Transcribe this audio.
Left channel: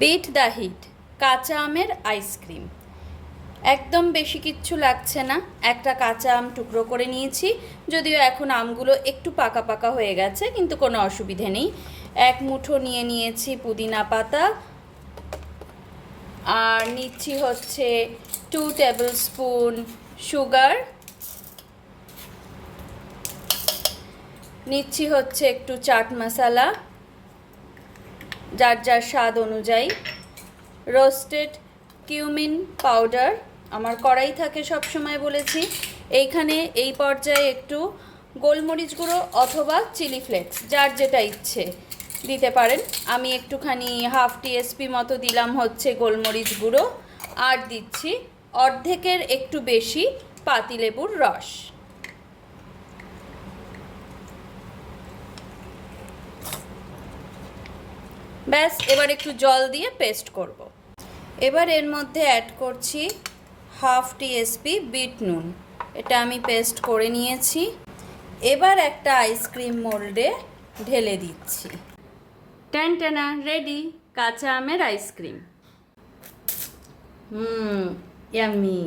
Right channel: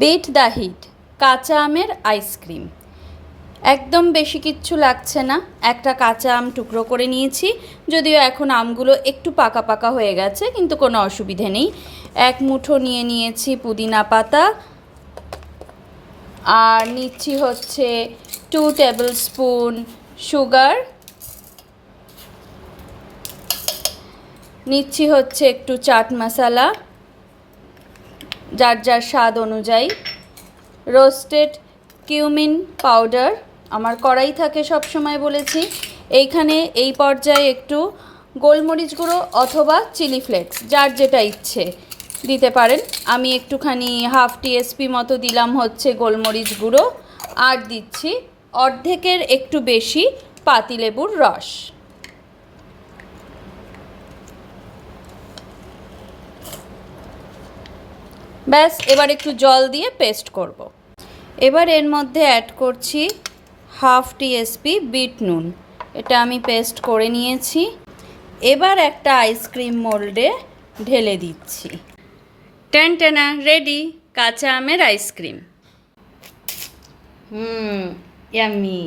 Bit the hit কাঁচা আমের ice cream. একদম বেশি কিচ্ছু লাগছে না। একটা কাঁচা আম টুকরো করে নিয়েছি, যদিও এখন আমগুলো একটু পাকা পাকা হয়ে গেছে, কিন্তু কোনো অসুবিধে নেই। এক মুঠো নিয়ে নিয়েছি পুদিনা পাতা, আর নিচ্ছি হচ্ছে 2 টেবিল স্পুন সুগার, নিচ্ছি হচ্ছে একটু চাট মশলা যার যার স্বাদ অনুযায়ী, রোস্টেড কিউমিন পাউডার আমার কড়াই থাকে সব সময় বলেছি। এইখানে এই পর্যায়ে একটু গোলমরিচ গুঁড়ো অথবা চিলি ফ্লেক্স যার যেটা ইচ্ছে দিতে পারেন। আমি একটুখানি হাফ টিএসপি মতো দিলাম হচ্ছে গোলমরিচ গুঁড়ো, আর দিচ্ছি অর্ধেকের একটু বেশি পাতিলেবুর রস। ব্যাস, এবার একটু জল দিয়ে পেস্ট করব। এবার এর মধ্যে অ্যাড করছি হাফ টিএসপি বিট নুন, এটা আমি পেস্ট করে নিয়েছি। এবার একটা আইসক্রিম মোল্ডে ঢেলে দিচ্ছি। টেনা রেডি কাঁচা আমের আইসক্রিম। ইয়াম্মি।